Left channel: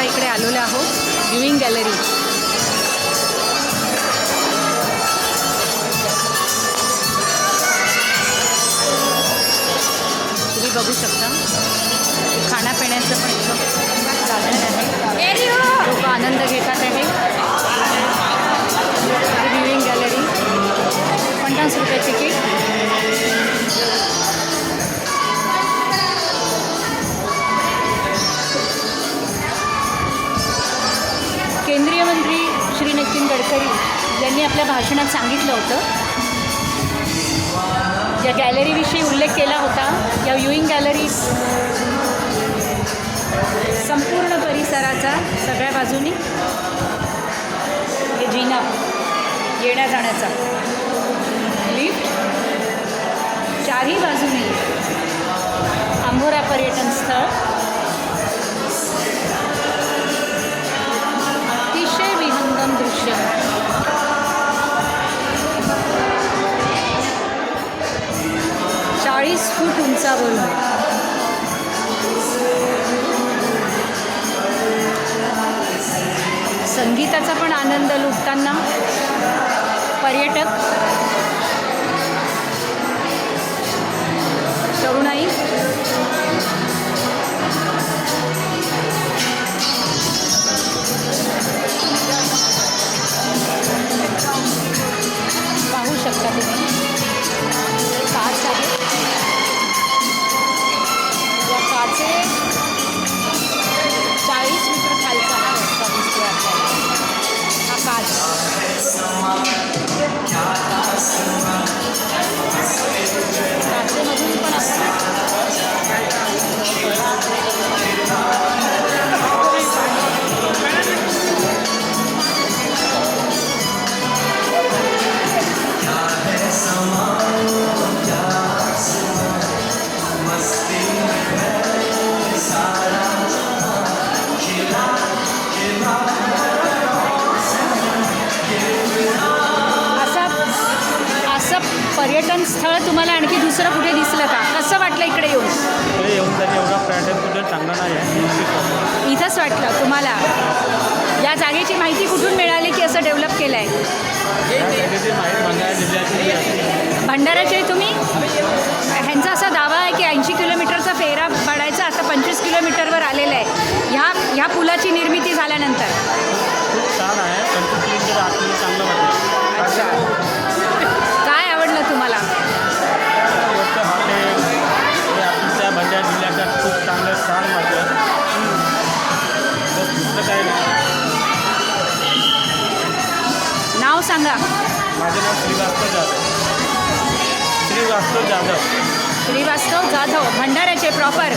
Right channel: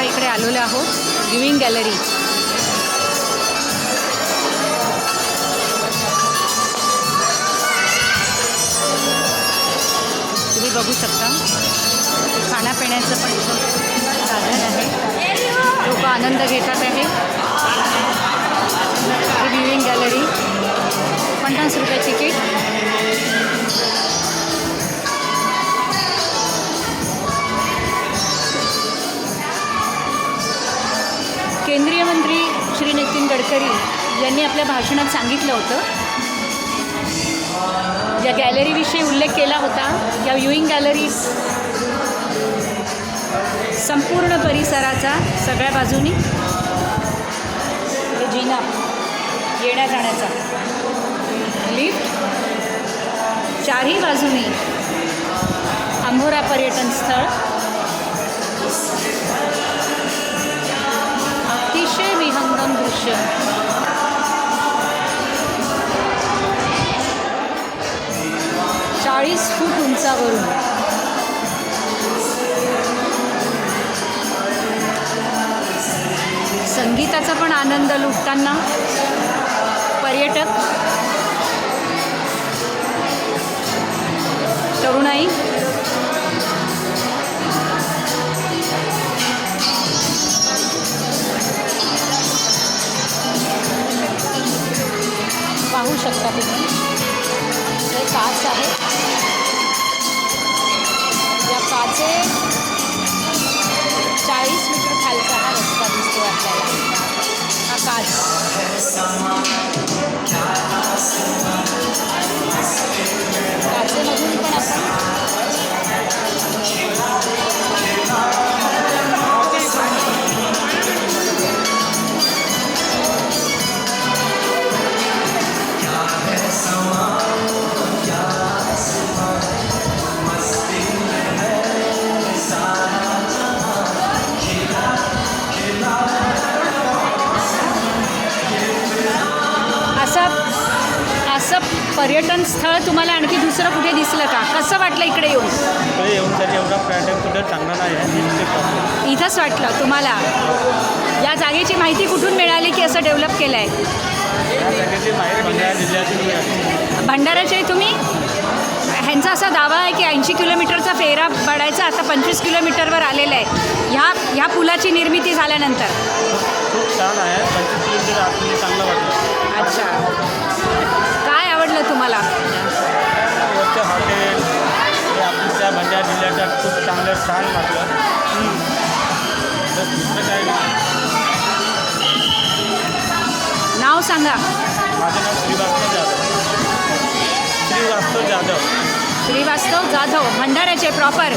आता इकडे आलेलो आहोत व्ह्यूइंग गॅलरी. तुम्ही बघू शकता खाण्यापिण्याचं पण इथं साधन आहे. लोक आनंद घेतात आहे. व्ह्यूइंग गॅलरी पन्नास रुपये तिकीट. नितीन गडकरी यांनी आपल्या भाषणात सांगितलं होतं. या गॅलरीविषयी उल्लेख केला होता या व्ह्युईंग गॅलरीज संपूर्ण परिसराचा सगळ्या बाजूनी हे जिना येण्या जाण्याचा. लिफ्ट चारही बाजूनी आंबोरा पर्यटन स्थळ चाळीस फूट उंचावरून संगीताचा पण आनंद लुटताना पर्यटक. तरुणाई. पाहू शकता तुम्ही. या चाळीस मीटर खालचा हा रस्ता दिसतो आपल्याला. हा काच काचेमधून पण आपण असं असं पर्यटन स्थळ तुम्हाला आणखी दुसरं कुठे दिसलं का? कसं वाटलं इकडे येऊन? इकडे येऊन तरी एवढा पर्यटन कुठं चांगला नाही इथंच वाटलं तुम्हाला? या जागेची माहिती कुठून मिळाली की असं डेव्हलप केलं आहे या जागेची माहीत भंडारा जिल्ह्यातील आहे. भंडाऱ्याचे तुम्ही? ह्यांचा असा दावा आहे की ऐंशी किलोमीटरचा फेरा पडायचा आता पंचवीस किलोमीटरवर आलेला आहे. ह्या ह्या पुलाची निर्मिती झाल्यानंतर? खूप छान आहे. पंचवीस किलोमीटर आतमध्ये चांगलं त्या भंडारा जिल्ह्याच्या खूप चांगलं वाटलं बस दुसरं काय? नाव सांगा. माझं नाव श्रीवास्तव जाधव. श्रीवास्तव जाधव. श्रीवास्तव जाधव भंडाऱ्याचे प्रॉपर